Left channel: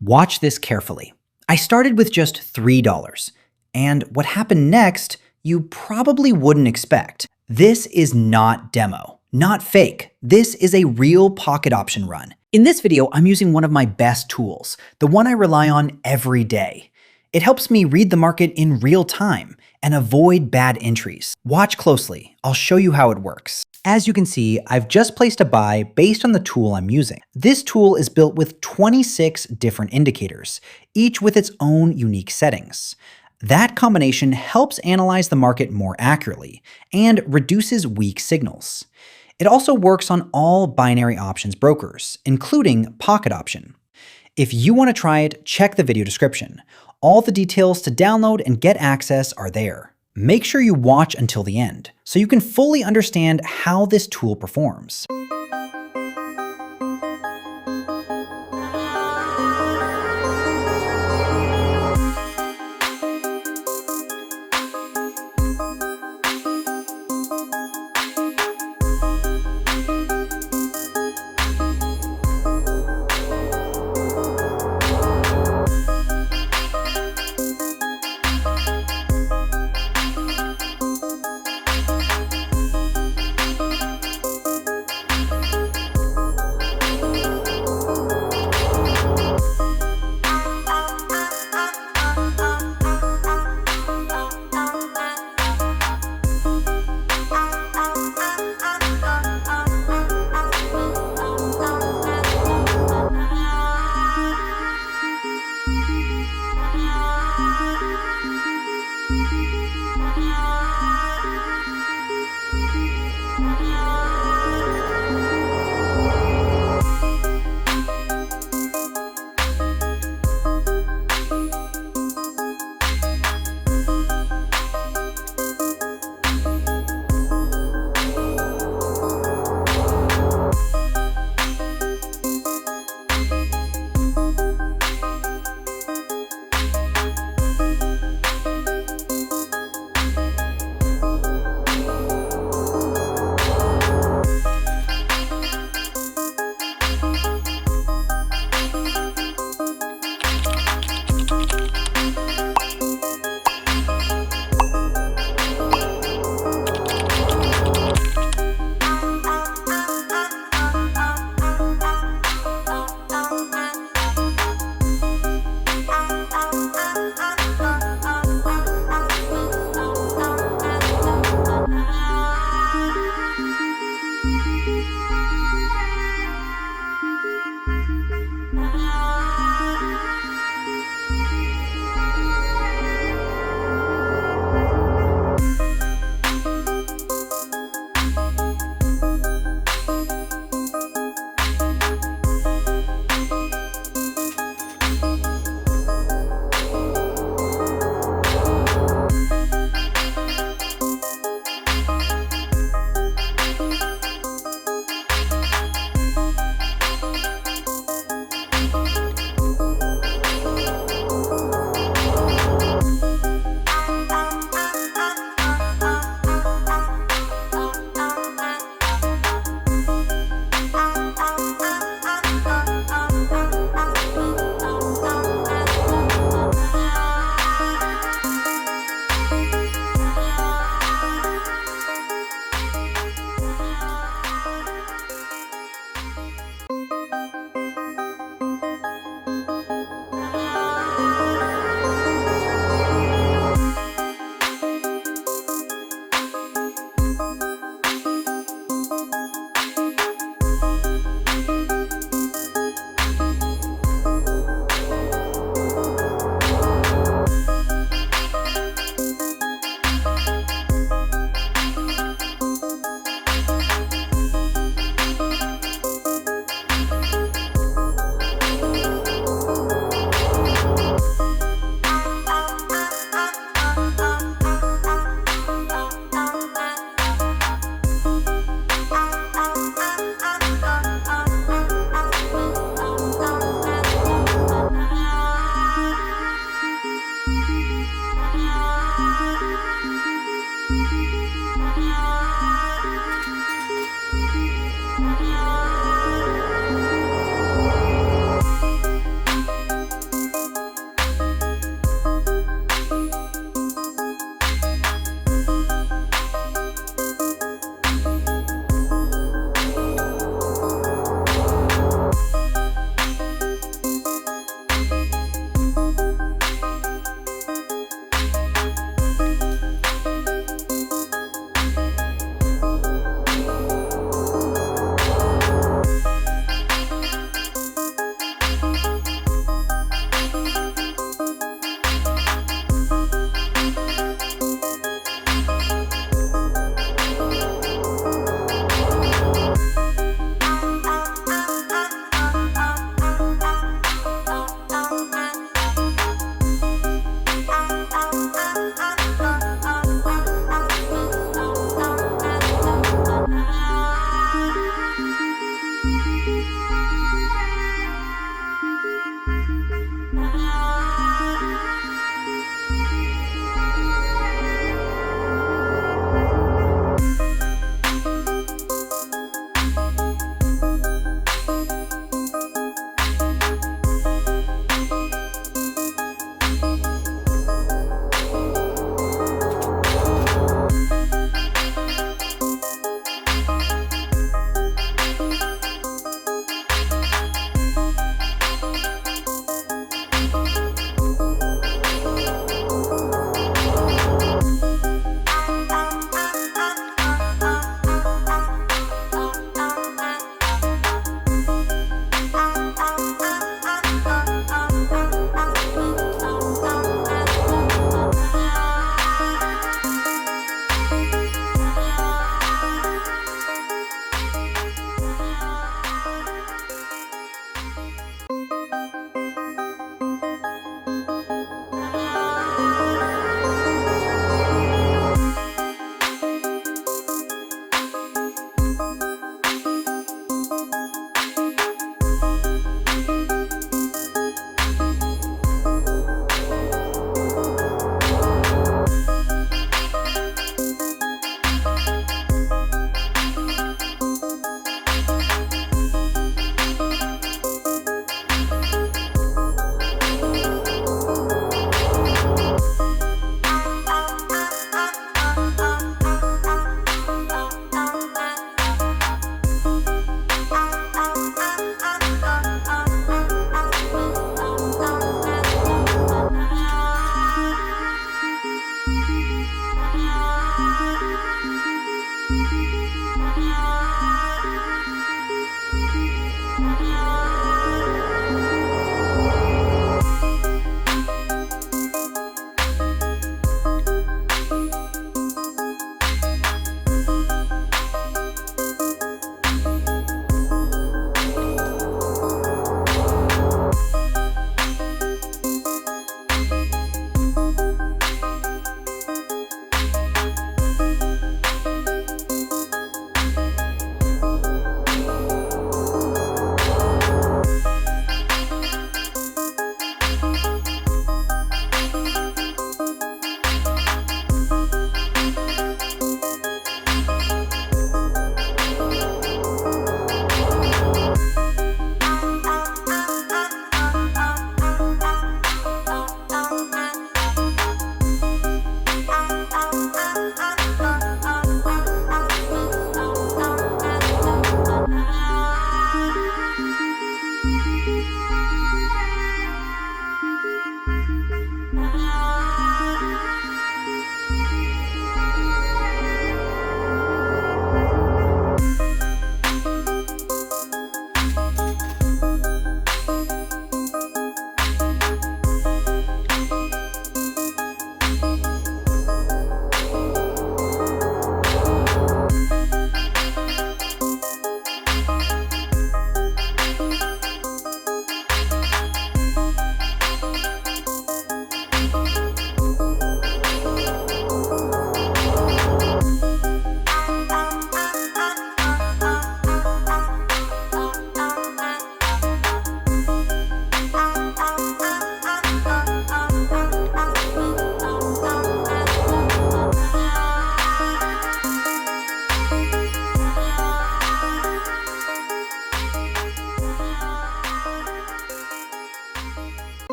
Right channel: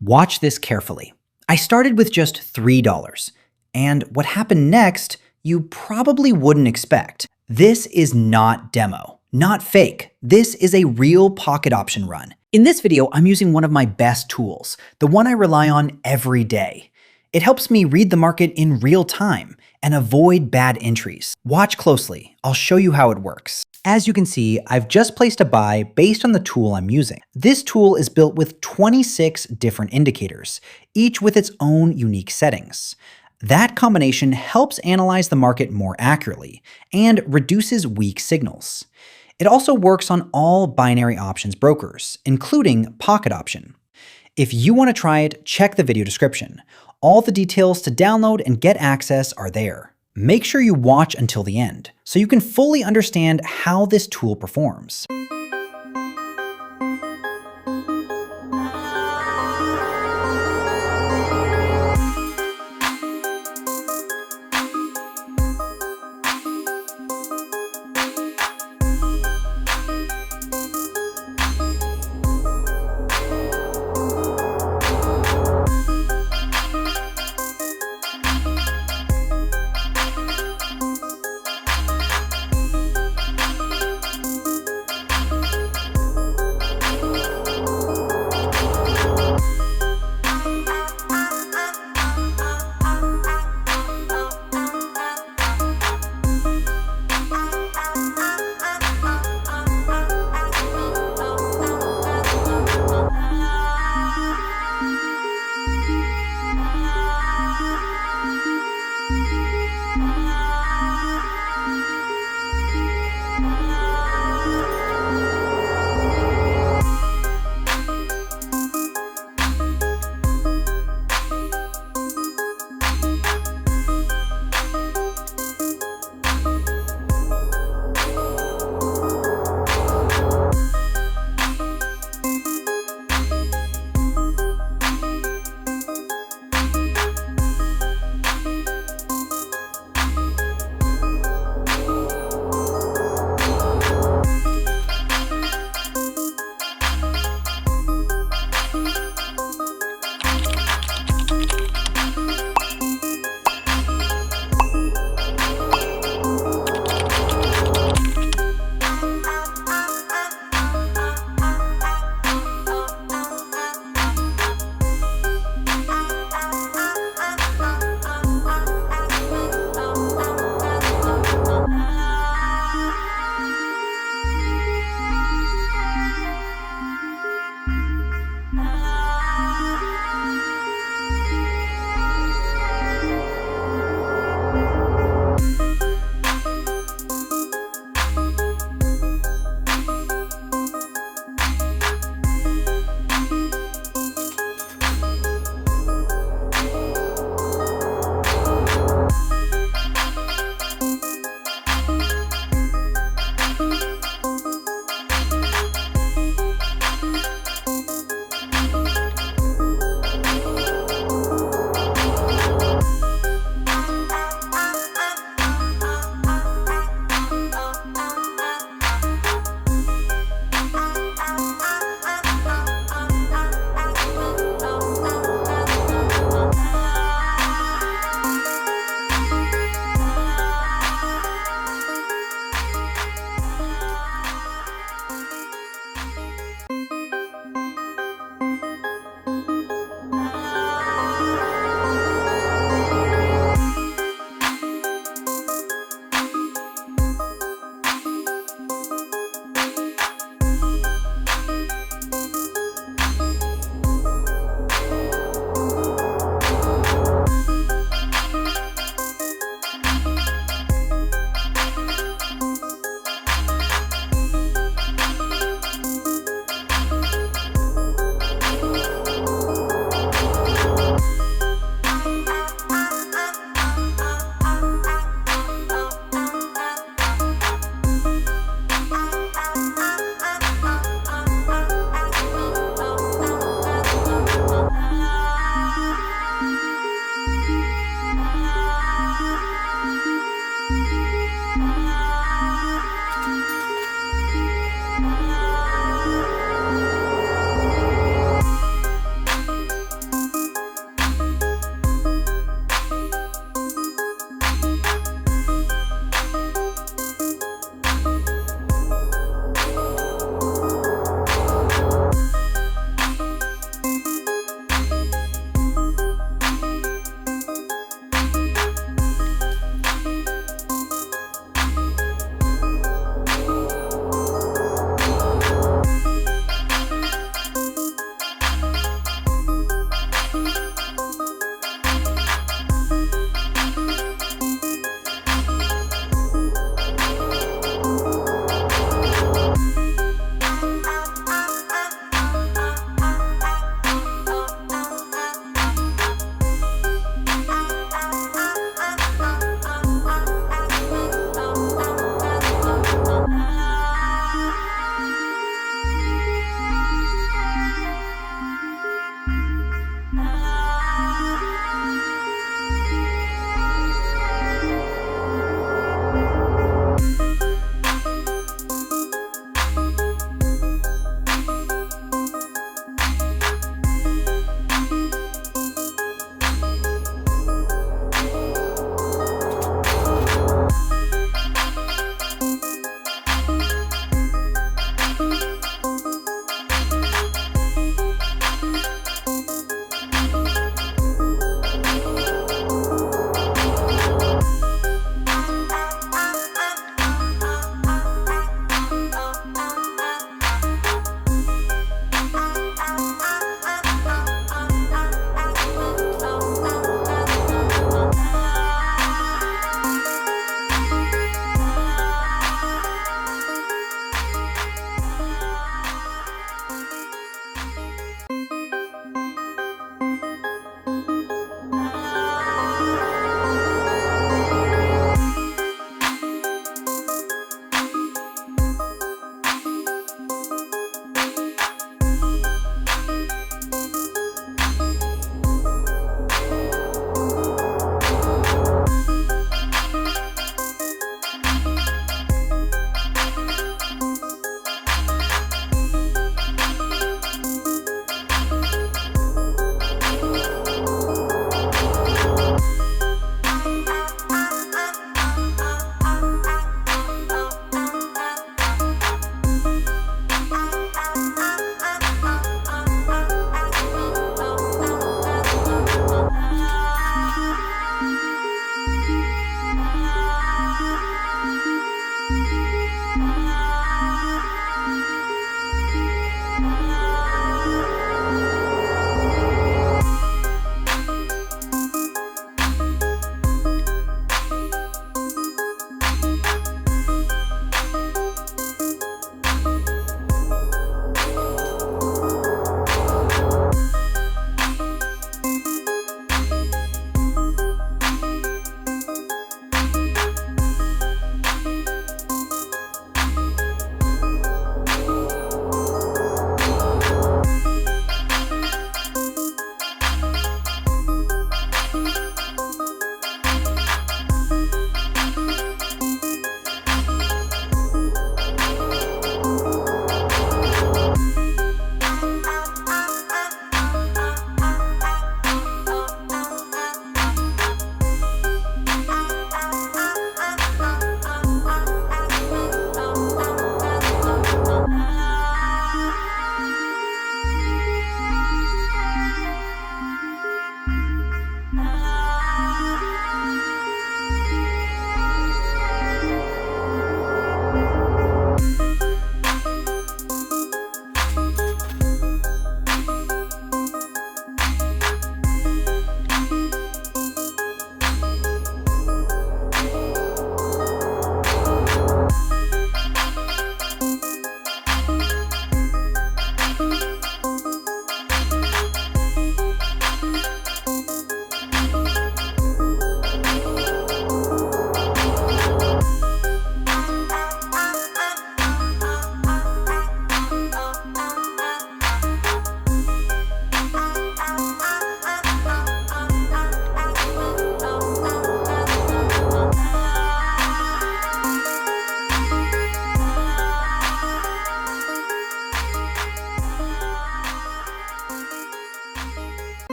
Watch this carefully. I started with just $3, and what happened next, you probably wouldn't expect. This is not demo, not fake. This is a real pocket option run. In this video, I'm using one of my best tools, the one I rely on every day. It helps me read the market in real time and avoid bad entries. Watch closely. I'll show you how it works. As you can see, I've just placed a buy based on the tool I'm using. This tool is built with 26 different indicators, each with its own unique settings. That combination helps analyze the market more accurately and reduces weak signals. It also works on all binary options brokers, including Pocket Option. If you want to try it, check the video description. All the details to download and get access are there. Make sure you watch until the end so you can fully understand how this tool performs.